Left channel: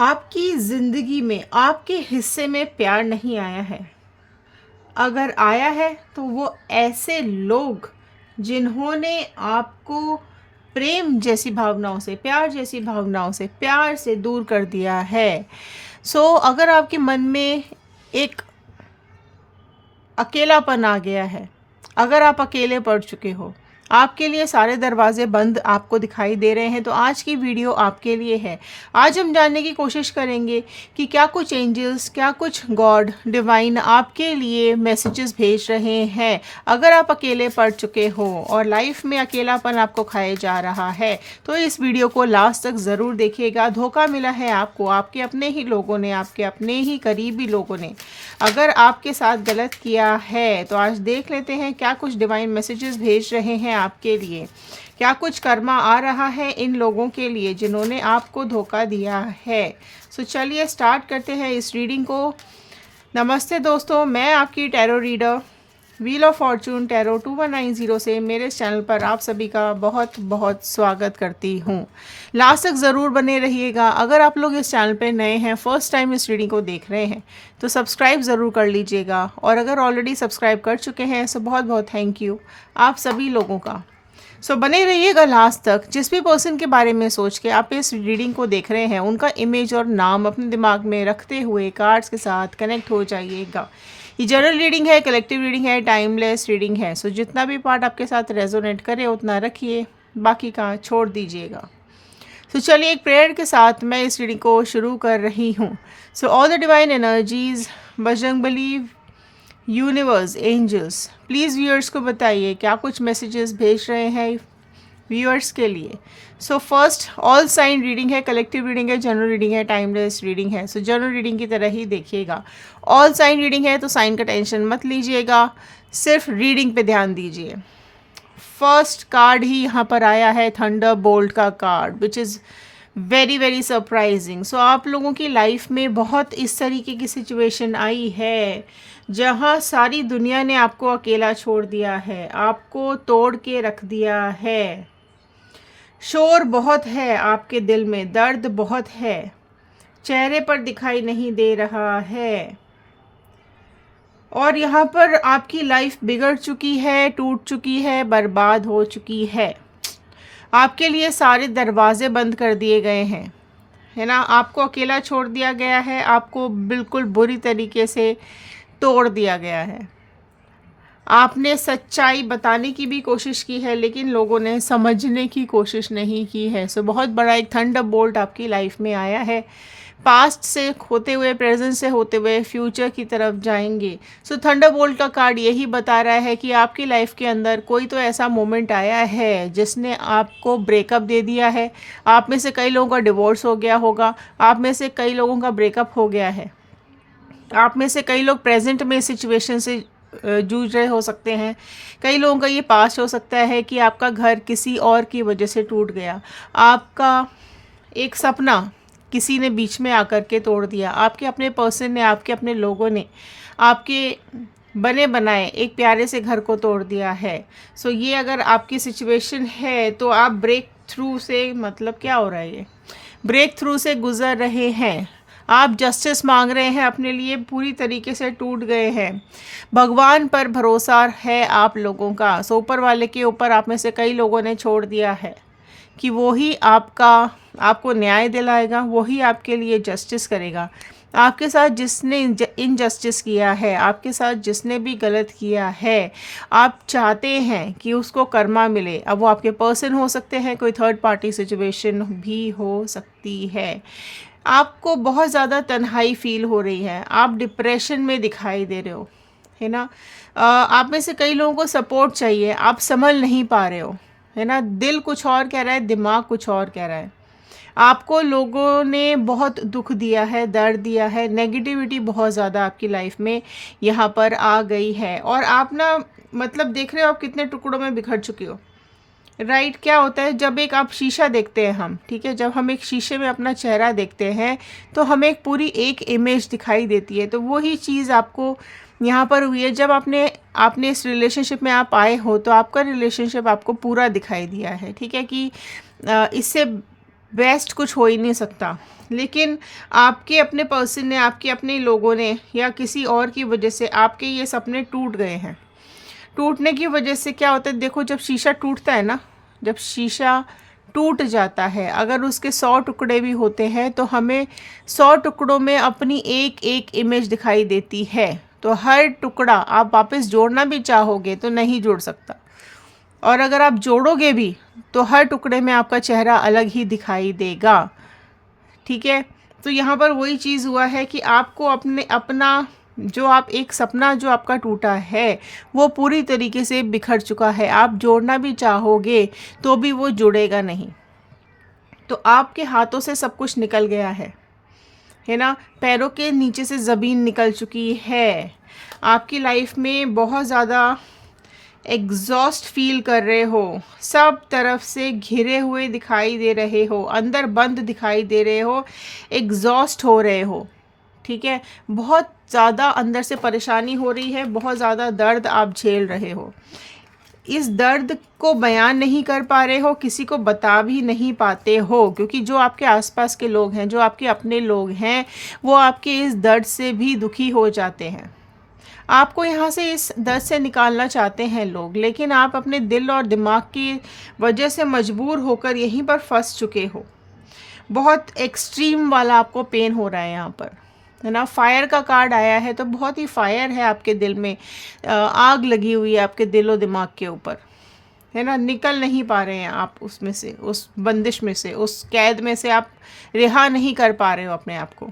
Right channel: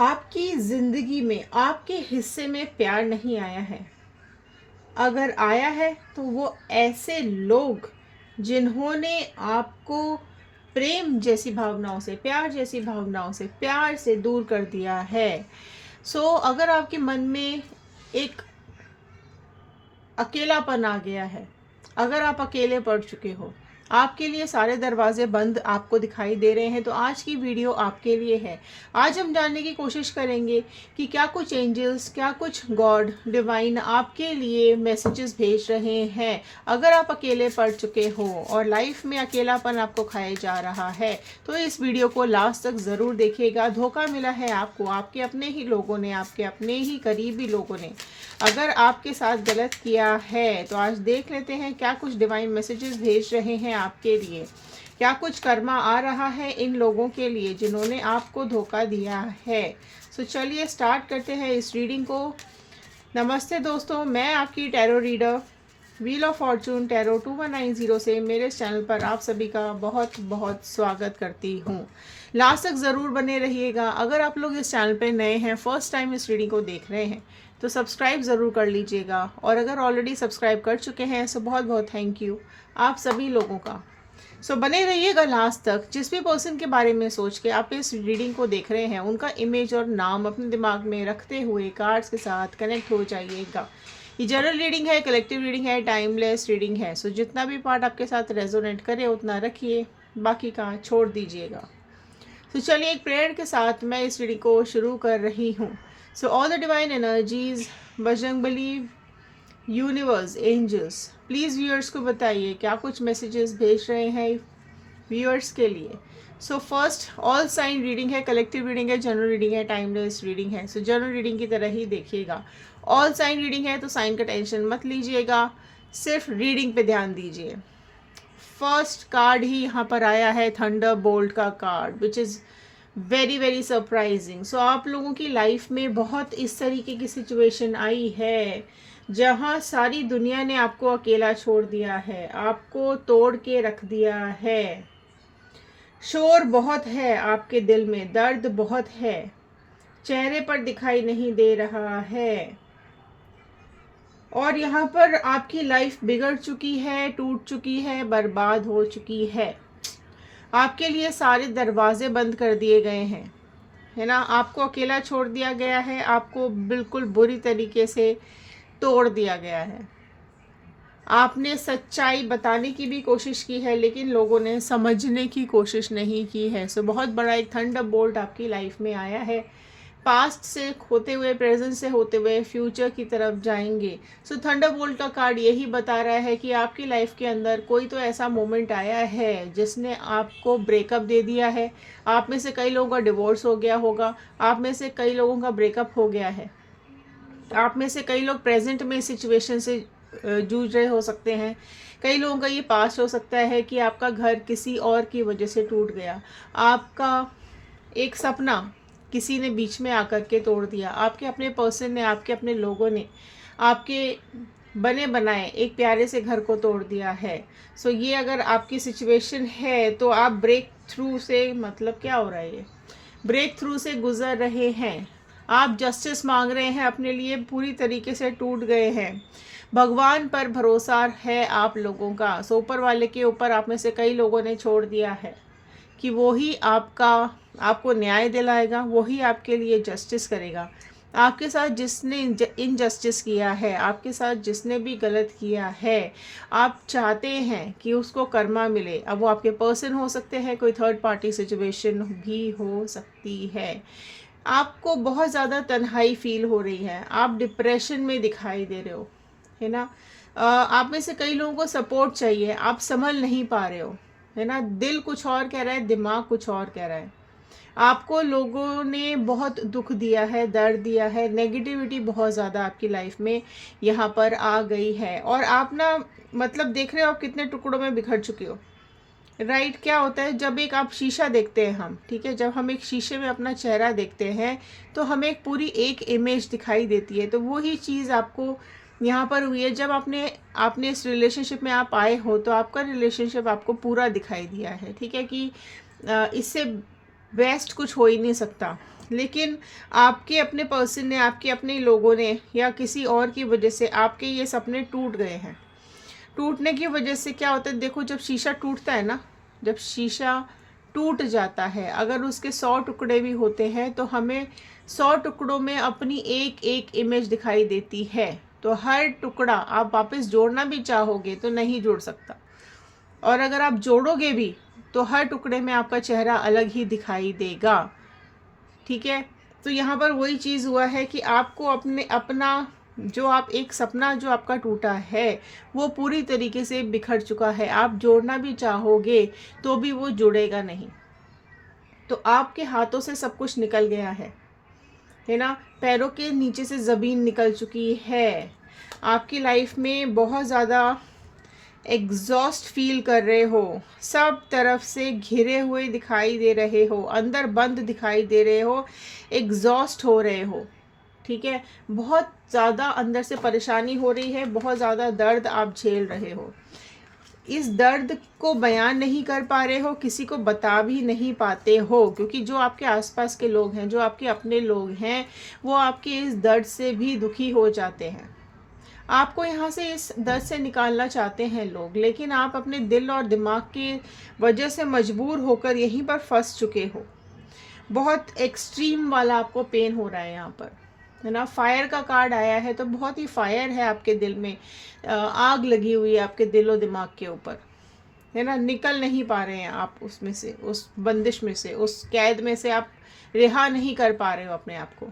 आपकी ज़िंदगी में आपके हिस्से में प्यार नहीं आया है। अगर आया है तो वो ऐसे लोग जिन्होंने आपको प्रेम जैसी भावनाओं से, प्यार जैसी भावनाओं से, प्यार से दूर कर दिया है। अगर आपके मन में एक अकेलापन आ गया है, अगर आप अकेले पड़ चुके हो, आपके लिए सारे दरवाजे बंद आपको दिखाई दे रहे हैं, तो आज की वीडियो आपके लिए है। आज हम जानने की कोशिश करेंगे कि क्या कुछ एंजल्स, क्या कुछ गॉड डिवाइन आपके लिए मैसेजेस भेज रहे हैं। अगर आप अकेले पड़ चुके हो और लाइफ में अकेलापन आपको खाए जा रहा है, तो इस वीडियो को लास्ट तक ज़रूर देखिएगा। धोखा मिला है आपको, आपके अपने ही लोगों ने, आपके अपने ही करीबी लोगों ने अगर आपके साथ गलत किया है, तो आज देख लेते हैं क्या कुछ डिवाइन मैसेजेस भेज रहे हैं आपके लिए। क्या कुछ कर्मा आ रहा है इन लोगों के लिए जिन्होंने आपको धोखा दिया है। चलिए स्टार्ट करते हैं इस रीडिंग को। नमस्ते दोस्तों, मैं आपकी tarot reader wheel of Fortune tarot 2190 से मेरे चैनल पर आप सभी का बहुत बहुत स्वागत करती हूँ। लास्ट तक ज़रूर बने रहिएगा। अगर आप लोग इस चैनल पर नए हैं, फर्स्ट टाइम इस रीडिंग को देख रहे हैं, तो सब्सक्राइब ज़रूर कर लीजिएगा। और अगर ऑलरेडी सब्सक्राइब कर चुके हैं तो बहुत बहुत थैंक यू आप सभी लोगों का। बने रहिएगा लास्ट तक। जिस भी पर्सन के बारे में सोच के आप इस रीडिंग को देख रहे हैं, उनका इमेज और नाम अपने दिमाग में रखते हुए कार्ड्स के साथ कनेक्ट हो जाइएगा। ये जनरल रीडिंग है, कलेक्टिव रीडिंग है, टाइमलेस रीडिंग है। जितना भी पार्ट आपके साथ रेजोनेट करे उतना रखिए, बाकी का छोड़ दीजिएगा। चलिए एक प्रेयर के साथ मैं इस रीडिंग को शुरू कर रही हूँ। All the divine energies, Bajrangbali, universe, angels, please viewers को बताइए क्या कुछ मैसेजेस भेज रहे हैं व्यूअर्स के लिए। फर्स्ट ऑल साइन रीडिंग है, कलेक्टिव रीडिंग है, जनरल रीडिंग है, टाइमलेस रीडिंग है। जनरल रीडिंग की तरह ही देखिएगा। ऑल साइन रीडिंग है तो साइन का टेंशन मत लीजिएगा, सिर्फ रीडिंग पे ध्यान दीजिए। फर्स्ट कार्ड ही यहाँ पर आया है, थंडर बोल्ट का card, which is very very surprising. आप लोगों की लाइफ में बहुत इस तरीके की सिचुएशन आई है जहाँ सारी दुनिया ने आपको अकेला छोड़ दिया है, आपको तोड़ के रख दिया है। शोर बहुत है आपके दिल में, दर्द बहुत है, चेहरे पर दिखाई नहीं दे रहा है। और यहाँ पर आपकी लाइफ बिगड़ चुकी है, टूट चुकी है, बर्बाद हो चुकी है। आपके लिए सारे दरवाजे बंद कर दिए गए हैं, है ना। आपको अकेला छोड़ दिया गया है, आपको बिल्कुल बुरी तरीके से तोड़ दिया गया है। आपने सच्चाई बताने की भी कोशिश की है, लेकिन लोगों ने समझने की कोशिश नहीं की है। बहुत बड़ा एक थंडर बोल्ट आपकी लाइफ में आया है। पास्ट से होते हुए, प्रेजेंट से होते हुए फ्यूचर की तरफ जाएंगे। थंडर बोल्ट का कार्ड यही बता रहा है कि आपकी लाइफ के अंदर कोई तो ऐसा मोमेंट आया है जिसने आपको ब्रेकअप दे दिया है। आप में से कई लोगों का डिवोर्स हो गया होगा, आप में से कई लोगों का ब्रेकअप हो गया है, आप में से कई लोग प्रेजेंट में सिचुएशन से जूझ रहे हो सकते हैं। कई लोगों का ये पास्ट हो सकता है कि आपका घर किसी और की वजह से टूट गया, आपका एक सपना किसी ने बीच में आकर के तोड़ दिया, आपके अपने पर्सन ने, आपके अपने लोगों ने आपके बने बनाए एक प्यारे से घर को तोड़ दिया है। ये अगर आपकी सिचुएशन है तो आप ब्रेक थ्रू से, मतलब क्या हो रहा है, ये ब्रेक थ्रू से गुजर रहे हैं। आप जस्टिस मांग रहे हैं अपने लिए, पूरी तरीके से टूट गए हैं। भगवान पर भरोसा है आप लोगों का। ऊपर वाले के ऊपर आप में से कई लोगों ने छोड़ दिया है कि वो ही आपको न्याय दिलाएगा, वो ही आपके लिए जस्टिस करेगा। आपके साथ जिसने इनजस्टिस किया है, आपके साथ जिसने भी गलत किया है, आप चाहते हैं कि उसको कर्मा मिले। अब वो आपके पर्सन हो सकते हैं, कोई थर्ड पार्टी सिचुएशन भी हो सकती है। आपको बहुत ज़्यादा तन्हाई फील हो रही है, आप डिप्रेशन में दिखाई दे रहे हो, है ना। आप में से कई लोगों को सपोर्ट चाहिए, आप संभल नहीं पा रहे हो, है ना। दिल कुछ और कह रहा है, दिमाग कुछ और कह रहा है। आपको लोगों ने बहुत दुख दिया है, दर्द दिया है, नेगेटिविटी बहुत ज़्यादा आपकी लाइफ में यहाँ पर आ गई है। और आप ना, मतलब देख रहे हो आप कितने टुकड़ों में बिखर चुके हो, राइट। क्या होता है जब एक आप शीशा देखते हैं हम, ठीक है, जब हम एक शीशे में अपना चेहरा देखते हैं तो हमें एक पूरी एक इमेज दिखाई देती है। तो वही चीज़ आपको यहाँ पर हुई है। जब आपने इस रिलेशनशिप में आप आए हो तो आपका रिलेशनशिप आपको पूरा दिखाई दिया है, ठीक है, कि इससे बेस्ट कुछ हो ही नहीं सकता। लेकिन आपके अपने पर्सन ने, आपके अपने लोगों ने या किसी और की वजह से आपके ये सपने टूट गए हैं। टूटने की वजह से क्या होता है, देखो जब शीशा टूटता है ना, जब शीशा टूट जाता है, अगर उसके 100 टुकड़े भी होते हैं तो हमें 100 टुकड़ों में अपनी एक एक इमेज दिखाई देती है। तो हर टुकड़ा आप वापस जोड़ना भी चाहोगे तो नहीं जोड़ सकता, और अगर आप जोड़ोगे भी तो हर टुकड़े में आपका चेहरा अलग ही दिखाई देगा। ठीक है, तो यहाँ पर वही चीज़ हुआ है कि आपको अपने अपना जो आप एक सपना जो आपका टूटा है वो पूरी तरीके से बिखर चुका है। आप जोड़ना भी चाहोगे तो भी वो जुड़ेगा नहीं। तो आपके हाथों से सब कुछ निकल गया है ना। पैरों के नीचे से ज़मीन निकल चुकी है। आपकी लाइफ में बहुत ज़्यादा एग्जॉस्ट फील कर रहे हो, सब तरफ से घिरे हुए दिखाई दे रहे हो, अंदर बंद दिखाई दे रहे हो, एग्जॉस्ट हो रहे हो। ठीक है, बहुत ज़्यादा अंदर से परेशानी हो रही है, बहुत ज़्यादा दर्द आप झेल रहे हो। इस दर्द को बयान नहीं कर पा रहे हो, किसी को बता भी नहीं पाते हो, क्योंकि जो आपके आसपास के लोग हैं, जो आपके अपने लोग हैं, वो आपके इस दर्द से भी दुखी हो जाते हैं। आपको यहाँ से इस दर्द से निकालना चाहते हैं लोग, लेकिन आप अपने दिल और दिमाग की वजह से मजबूर होकर यहीं पर फंस चुके हो। बहुत एक्सट्रीम वाला आपको पेन हो रहा है यहाँ पर, है ना। फायर का कार्ड आया है तो बहुत ही फायर है आपके दिल में, आग लगी हुई है आपके दिल और दिमाग के ऊपर, है ना। निकल नहीं पा रहे हैं आप उसमें से, उस बंदिश में से, उस कैद में से आप रिहा नहीं कर पा रहे हो अपने आप को,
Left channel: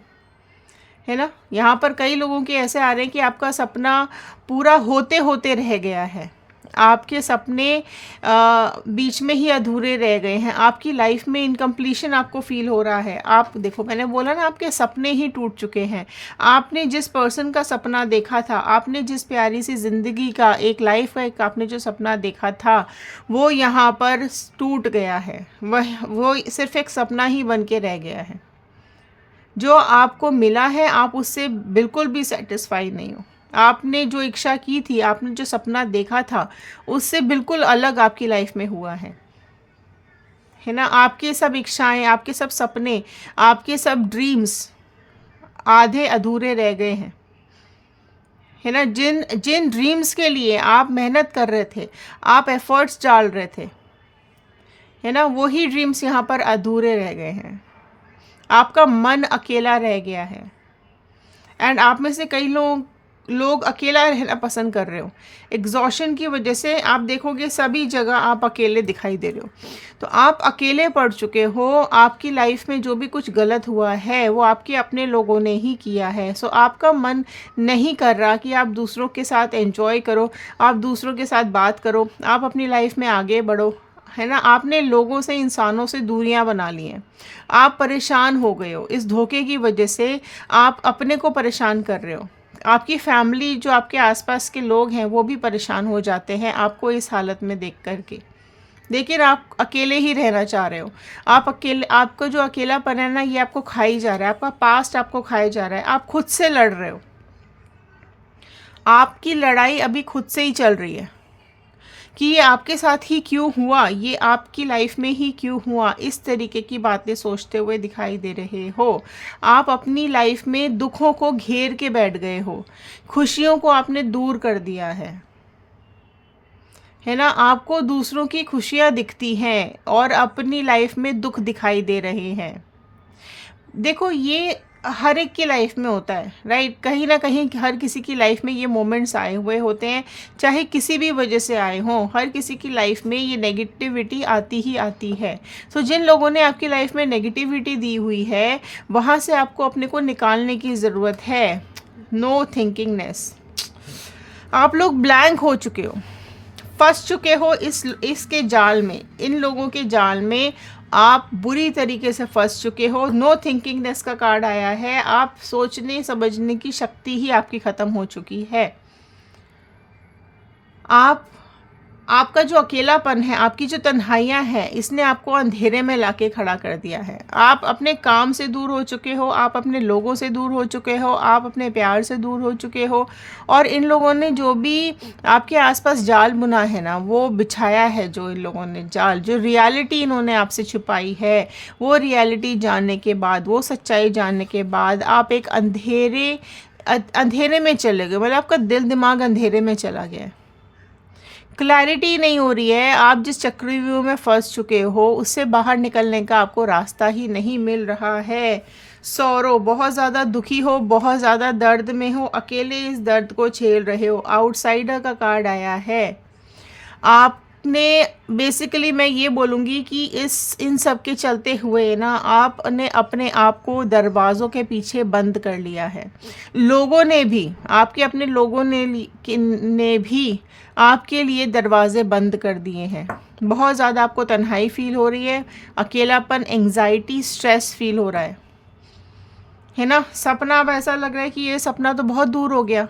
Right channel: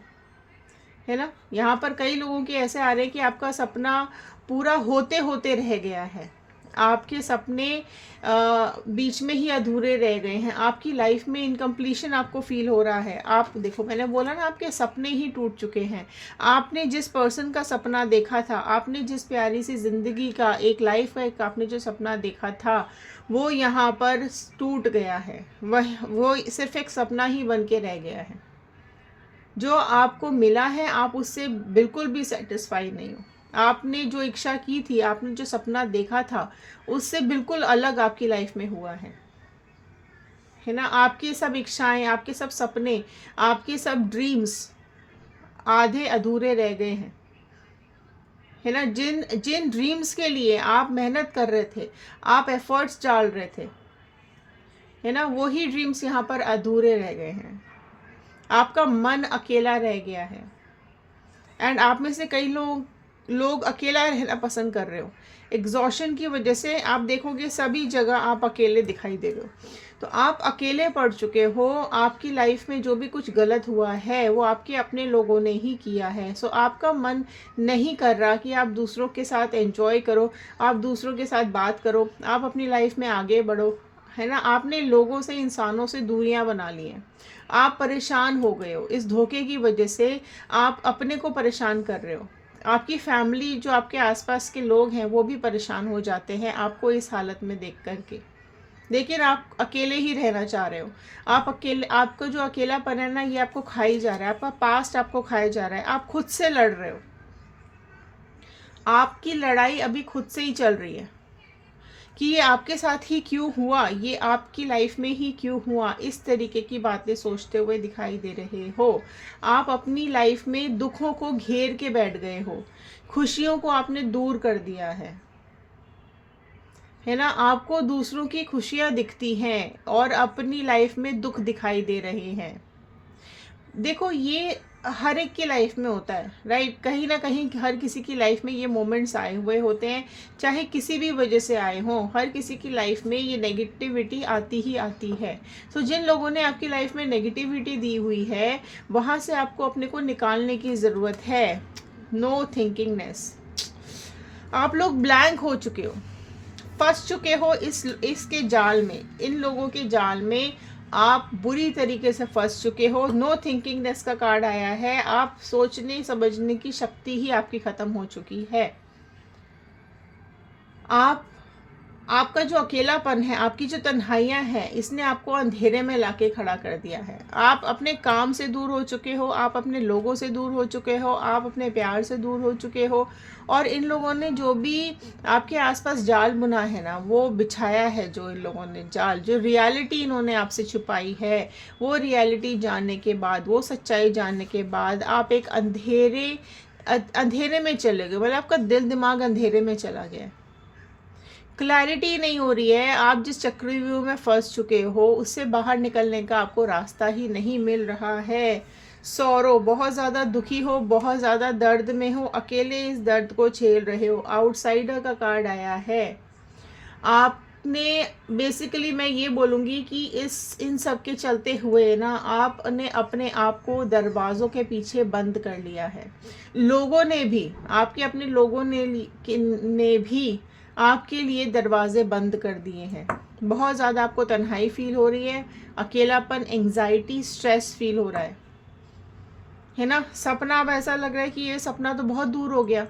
है ना। यहाँ पर कई लोगों के ऐसे आ रहे हैं कि आपका सपना पूरा होते होते रह गया है, आपके सपने बीच में ही अधूरे रह गए हैं, आपकी लाइफ में इनकम्प्लीशन आपको फील हो रहा है। आप देखो, मैंने बोला ना, आपके सपने ही टूट चुके हैं। आपने जिस पर्सन का सपना देखा था, आपने जिस प्यारी सी ज़िंदगी का, एक लाइफ का एक आपने जो सपना देखा था, वो यहाँ पर टूट गया है। वो सिर्फ एक सपना ही बन के रह गया है। जो आपको मिला है आप उससे बिल्कुल भी सेटिस्फाई नहीं हो। आपने जो इच्छा की थी, आपने जो सपना देखा था, उससे बिल्कुल अलग आपकी लाइफ में हुआ है ना। आपके सब इच्छाएं, आपके सब सपने, आपके सब ड्रीम्स आधे अधूरे रह गए हैं, है ना। जिन जिन ड्रीम्स के लिए आप मेहनत कर रहे थे, आप एफर्ट्स डाल रहे थे, है ना, वही ड्रीम्स यहाँ पर अधूरे रह गए हैं। आपका मन अकेला रह गया है, एंड आप में से कई लोग अकेला रहना पसंद कर रहे हो। एग्जॉशन की वजह से आप देखोगे सभी जगह आप अकेले दिखाई दे रहे हो। तो आप अकेले पड़ चुके हो। आपकी लाइफ में जो भी कुछ गलत हुआ है वो आपके अपने लोगों ने ही किया है। सो आपका मन नहीं कर रहा कि आप दूसरों के साथ एंजॉय करो, आप दूसरों के साथ बात करो, आप अपनी लाइफ में आगे बढ़ो, है ना। आपने लोगों से, इंसानों से दूरियां बना ली हैं। आप परेशान हो गए हो इस धोखे की वजह से। आप अपने को परेशान कर रहे हो, आपकी फैमिली, जो आपके आसपास के लोग हैं, वो भी परेशान हो जाते हैं आपको इस हालत में देख कर के। लेकिन आप अकेले ही रहना चाह रहे हो। आप अकेले, आपको जो अकेलापन है ना, ये आपको खाई जा रहा है, आपका पास्ट आपको खाया जा रहा है। आप खुद से लड़ रहे हो। आपकी लड़ाई अभी खुद से ही चल रही है कि ये आपके साथ ही क्यों हुआ, ये आपकी लाइफ में ही क्यों हुआ। इस तरीके की बातें सोचते हुए दिखाई दे रहे हो। आप अपनी लाइफ में दुखों को घेर के बैठ गए हो, खुशियों को आपने दूर कर दिया है ना। आपको दूसरों की खुशियाँ दिखती हैं और अपनी लाइफ में दुख दिखाई दे रहे हैं। देखो, ये हर एक की लाइफ में होता है, राइट। कहीं ना कहीं हर किसी की लाइफ में ये मोमेंट्स आए हुए होते हैं, चाहे किसी भी वजह से आए हों। हर किसी की लाइफ में ये नेगेटिविटी आती ही आती है। सो जिन लोगों ने आपकी लाइफ में नेगेटिविटी दी हुई है, वहाँ से आपको अपने को निकालने की ज़रूरत है। नो थिंकिंगनेस। आप लोग ब्लैंक हो चुके हो, फंस चुके हो इसके जाल में, इन लोगों के जाल में आप बुरी तरीके से फंस चुके हो। नो थिंकिंगनेस का कार्ड आया है। आप सोचने समझने की शक्ति ही आपकी ख़त्म हो चुकी है। आप आपका जो अकेलापन है, आपकी जो तन्हाइयाँ हैं, इसने आपको अंधेरे में लाके खड़ा कर दिया है। आप अपने काम से दूर हो चुके हो, आप अपने लोगों से दूर हो चुके हो, आप अपने प्यार से दूर हो चुके हो, और इन लोगों ने जो भी आपके आसपास जाल बुना है ना, वो बिछाया है, जो इन लोगों ने जाल, जो रियलिटी इन्होंने आपसे छुपाई है, वो रियलिटी जानने के बाद, वो सच्चाई जानने के बाद आप एक अंधेरे में चले गए। मतलब आपका दिल दिमाग अंधेरे में चला गया, क्लैरिटी नहीं हो रही है। आप जिस चक्रव्यूह में फंस चुके हो, उससे बाहर निकलने का आपको रास्ता ही नहीं मिल रहा है। सौरो, बहुत ज़्यादा दुखी हो, बहुत ज़्यादा दर्द में हो, अकेले इस दर्द को झेल रहे हो। आउटसाइडर का कार्ड आया है। आपने बेसिकली, मैं ये बोलूँगी कि इन सब के चलते हुए ना, आपने अपने आप को दरवाज़ों के पीछे बंद कर लिया है। लोगों ने भी, आपके अपने लोगों ने भी आपके लिए दरवाजे बंद कर दिए हैं। बहुत ज़्यादा आपको तन्हाई फील हो रही है, अकेलापन, एंग्जाइटी, स्ट्रेस फील हो रहा है ना। सपना, अब ऐसा लग रहा है कि ये सपना तो बहुत दूर हो गया,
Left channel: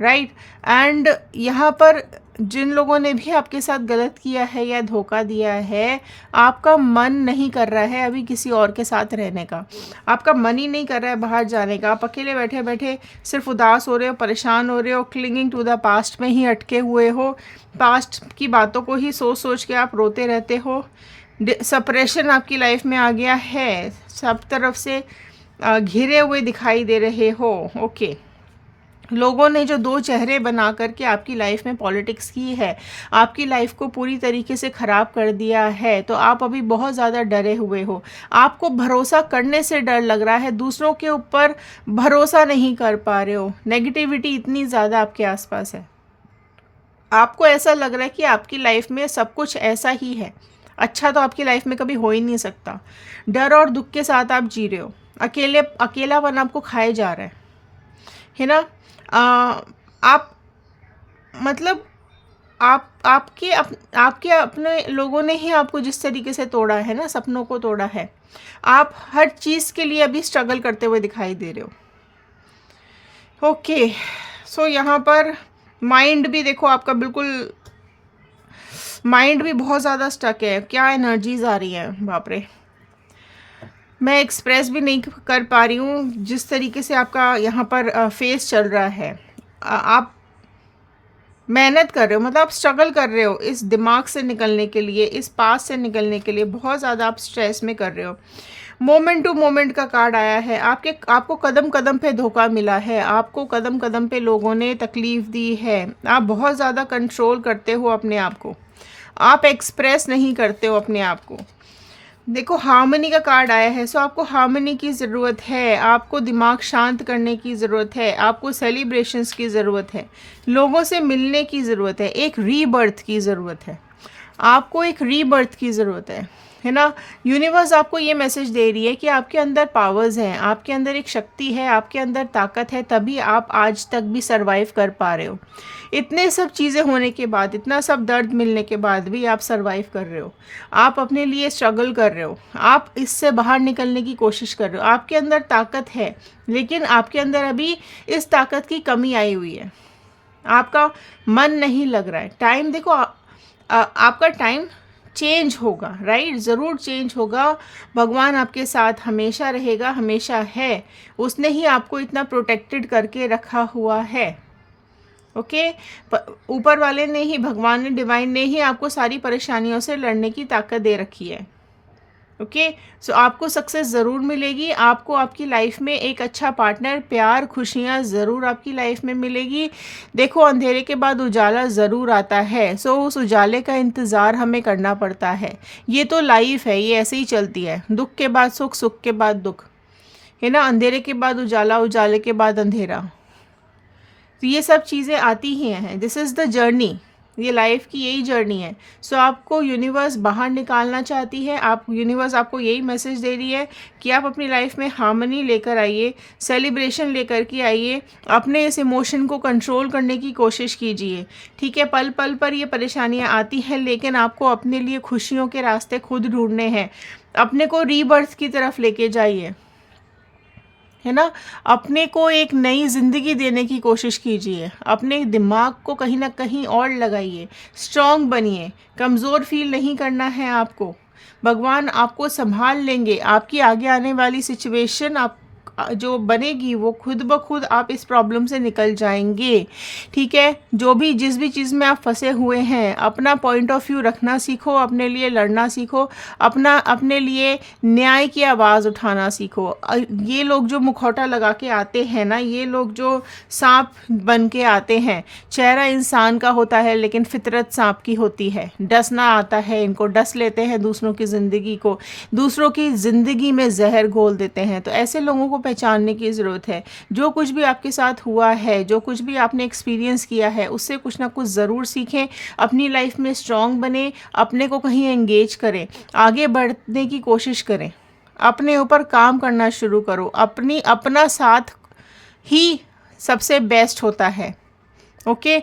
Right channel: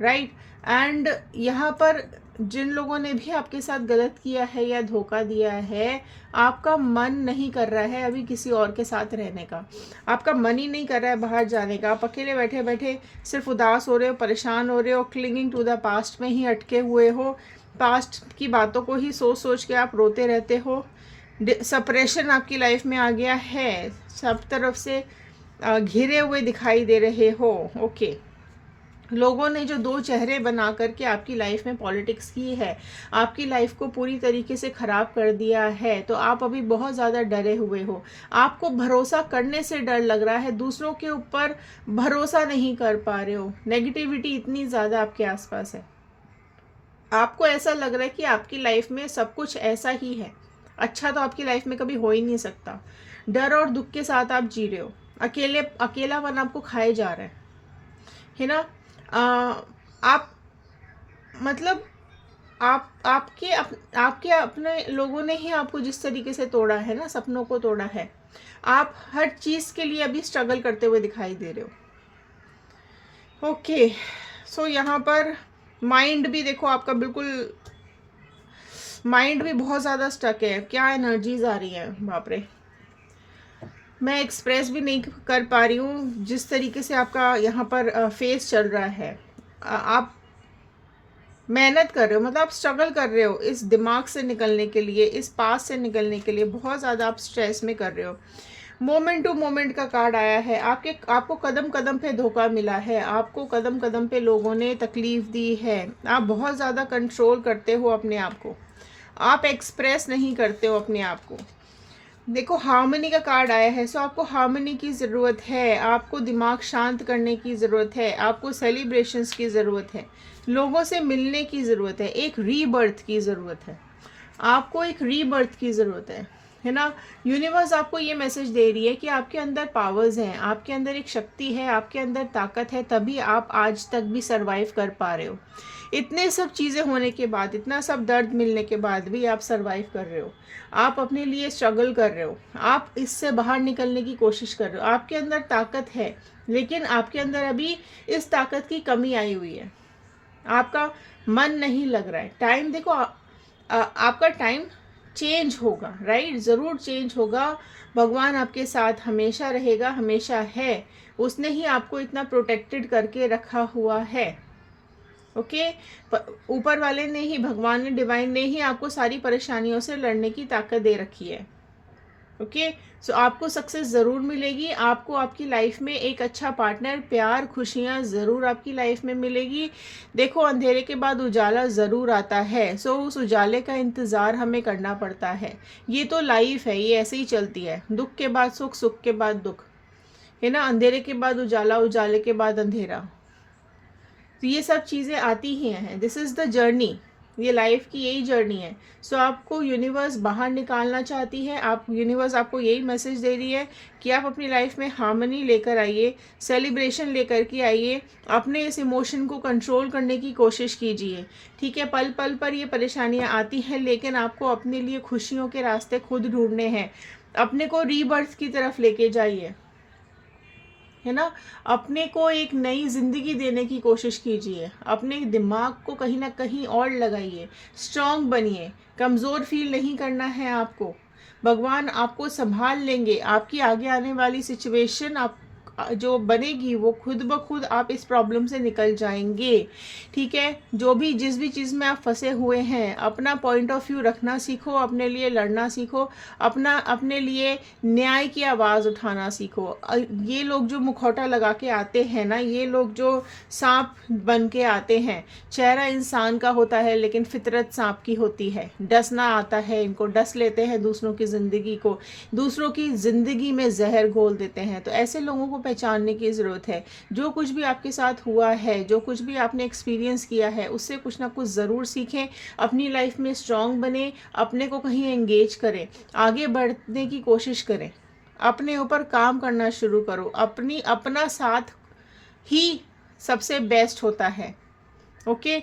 राइट। एंड यहाँ पर जिन लोगों ने भी आपके साथ गलत किया है या धोखा दिया है, आपका मन नहीं कर रहा है अभी किसी और के साथ रहने का। आपका मन ही नहीं कर रहा है बाहर जाने का। आप अकेले बैठे बैठे सिर्फ उदास हो रहे हो, परेशान हो रहे हो, क्लिंगिंग टू द पास्ट में ही अटके हुए हो। पास्ट की बातों को ही सोच सोच के आप रोते रहते हो। सेपरेशन आपकी लाइफ में आ गया है, सब तरफ से घिरे हुए दिखाई दे रहे हो। ओके, लोगों ने जो दो चेहरे बना करके आपकी लाइफ में पॉलिटिक्स की है, आपकी लाइफ को पूरी तरीके से ख़राब कर दिया है, तो आप अभी बहुत ज़्यादा डरे हुए हो। आपको भरोसा करने से डर लग रहा है, दूसरों के ऊपर भरोसा नहीं कर पा रहे हो। नेगेटिविटी इतनी ज़्यादा आपके आसपास है। आपको ऐसा लग रहा है कि आपकी लाइफ में सब कुछ ऐसा ही है, अच्छा तो आपकी लाइफ में कभी हो ही नहीं सकता। डर और दुख के साथ आप जी रहे हो, अकेलापन आपको खाए जा रहा है ना। आप, मतलब आपके अपने लोगों ने ही आपको जिस तरीके से तोड़ा है ना, सपनों को तोड़ा है, आप हर चीज़ के लिए अभी स्ट्रगल करते हुए दिखाई दे रहे हो। ओके, सो यहाँ पर माइंड भी देखो आपका, बिल्कुल माइंड भी बहुत ज़्यादा स्टक है। क्या एनर्जीज आ रही हैं, बाप रे, मैं एक्सप्रेस भी नहीं कर पा रही हूँ जिस तरीके से आपका यहाँ पर फेस चल रहा है। आप मेहनत कर रहे हो, मतलब आप स्ट्रगल कर रहे हो इस दिमाग से निकलने के लिए, इस पास से निकलने के लिए। बहुत ज़्यादा आप स्ट्रेस में कर रहे हो। मोमेंट टू मोमेंट का कार्ड आया है। आपको कदम कदम पे धोखा मिला है, आपको कदम कदम पे लोगों ने तकलीफ़ दी है। आप बहुत ज़्यादा कंट्रोल करते हो अपने आप को, आप एक्सप्रेस नहीं करते हो अपने आप को। देखो, हार्मनी का कार्ड आया है। सो आपको हार्मनी की ज़रूरत है, आपको दिमाग शांत करने की ज़रूरत है, आपको सेलिब्रेशंस की ज़रूरत है, लोगों से मिलने की ज़रूरत है, एक रीबर्थ की ज़रूरत है। आपको एक रीबर्थ की ज़रूरत है ना। यूनिवर्स आपको ये मैसेज दे रही है कि आपके अंदर पावर्स हैं, आपके अंदर एक शक्ति है, आपके अंदर ताकत है, तभी आप आज तक भी सरवाइव कर पा रहे हो। इतने सब चीज़ें होने के बाद, इतना सब दर्द मिलने के बाद भी आप सरवाइव कर रहे हो। आप अपने लिए स्ट्रगल कर रहे हो, आप इससे बाहर निकलने की कोशिश कर रहे हो। आपके अंदर ताकत है, लेकिन आपके अंदर अभी इस ताकत की कमी आई हुई है। आपका मन नहीं लग रहा है। टाइम देखो, आपका टाइम चेंज होगा, राइट, ज़रूर चेंज होगा। भगवान आपके साथ हमेशा रहेगा, हमेशा है। उसने ही आपको इतना प्रोटेक्टेड करके रखा हुआ है। ओके, ऊपर वाले ने ही, भगवान ने, डिवाइन ने ही आपको सारी परेशानियों से लड़ने की ताकत दे रखी है। ओके, सो आपको सक्सेस ज़रूर मिलेगी। आपको आपकी लाइफ में एक अच्छा पार्टनर, प्यार, खुशियाँ ज़रूर आपकी लाइफ में मिलेगी। देखो, अंधेरे के बाद उजाला ज़रूर आता है। सो उस उजाले का इंतज़ार हमें करना पड़ता है। ये तो लाइफ है, ये ऐसे ही चलती है। दुख के बाद सुख, सुख के बाद दुख, है ना। अंधेरे के बाद उजाला, उजाले के बाद अंधेरा, तो ये सब चीज़ें आती ही हैं। दिस इज़ द जर्नी, ये लाइफ की यही जर्नी है। सो आपको यूनिवर्स बाहर निकालना चाहती है। यूनिवर्स आपको यही मैसेज दे रही है कि आप अपनी लाइफ में हार्मनी लेकर आइए, सेलिब्रेशन लेकर के आइए, अपने इस इमोशन को कंट्रोल करने की कोशिश कीजिए। ठीक है, पल पल पर ये परेशानियाँ आती हैं, लेकिन आपको अपने लिए खुशियों के रास्ते खुद ढूंढने हैं। अपने को रीबर्थ की तरफ लेके जाइए। है ना। अपने को एक नई ज़िंदगी देने की कोशिश कीजिए, अपने दिमाग को कहीं ना कहीं और लगाइए, स्ट्रांग बनिए, कमज़ोर फील नहीं करना है आपको। भगवान आपको संभाल लेंगे, आपकी आगे आने वाली सिचुएशन आप जो बनेगी वो खुद ब खुद आप इस प्रॉब्लम से निकल जाएंगे। ठीक है, जो भी जिस भी चीज़ में आप फंसे हुए हैं, अपना पॉइंट ऑफ व्यू रखना सीखो, अपने लिए लड़ना सीखो, अपने लिए न्याय की आवाज़ उठाना सीखो। ये लोग जो मुखौटा लगा के आते हैं ना, ये लोग जो सांप बन के आते हैं, चेहरा इंसान का होता है लेकिन फितरत सांप की होती है। डसना आता है इनको, डस लेते हैं दूसरों की ज़िंदगी को, दूसरों की ज़िंदगी में जहर घोल देते हैं। तो ऐसे लोगों को पहचानने की ज़रूरत है। जो कुछ भी आपके साथ हुआ है, जो कुछ भी आपने एक्सपीरियंस किया है, उससे कुछ ना कुछ ज़रूर सीखें, अपनी लाइफ में स्ट्रांग बने, अपने को कहीं एंगेज करें, आगे बढ़ने की कोशिश करें, अपने ऊपर काम करना शुरू करो। अपना साथ ही सबसे बेस्ट होता है। ओके,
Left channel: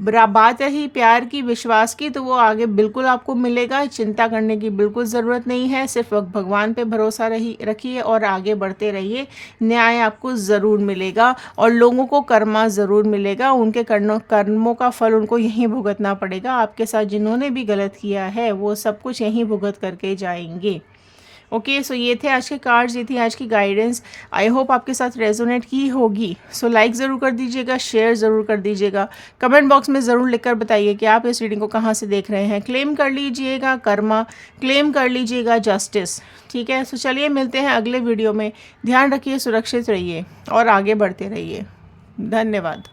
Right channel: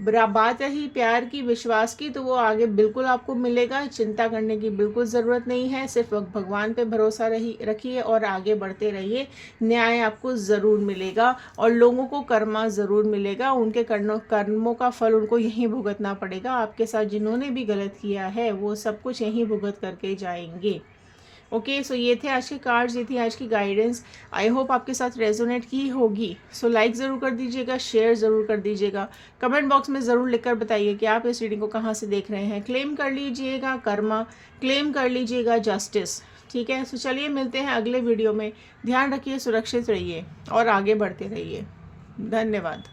बात रही प्यार की, विश्वास की, तो वो आगे बिल्कुल आपको मिलेगा, चिंता करने की बिल्कुल ज़रूरत नहीं है। सिर्फ भगवान पे भरोसा रखिए और आगे बढ़ते रहिए। न्याय आपको ज़रूर मिलेगा और लोगों को कर्मा ज़रूर मिलेगा। उनके कर्मों का फल उनको यहीं भुगतना पड़ेगा। आपके साथ जिन्होंने भी गलत किया है वो सब कुछ यहीं भुगत करके जाएंगे। ओके, सो ये थे आज के कार्ड्स, ये थी आज की गाइडेंस। आई होप आपके साथ रेजोनेट की होगी। सो लाइक ज़रूर कर दीजिएगा, शेयर ज़रूर कर दीजिएगा, कमेंट बॉक्स में ज़रूर लिखकर बताइए कि आप इस रीडिंग को कहाँ से देख रहे हैं। क्लेम कर लीजिएगा कर्मा, क्लेम कर लीजिएगा जस्टिस। ठीक है, सो चलिए मिलते हैं अगले वीडियो में। ध्यान रखिए, सुरक्षित रहिए और आगे बढ़ते रहिए। धन्यवाद।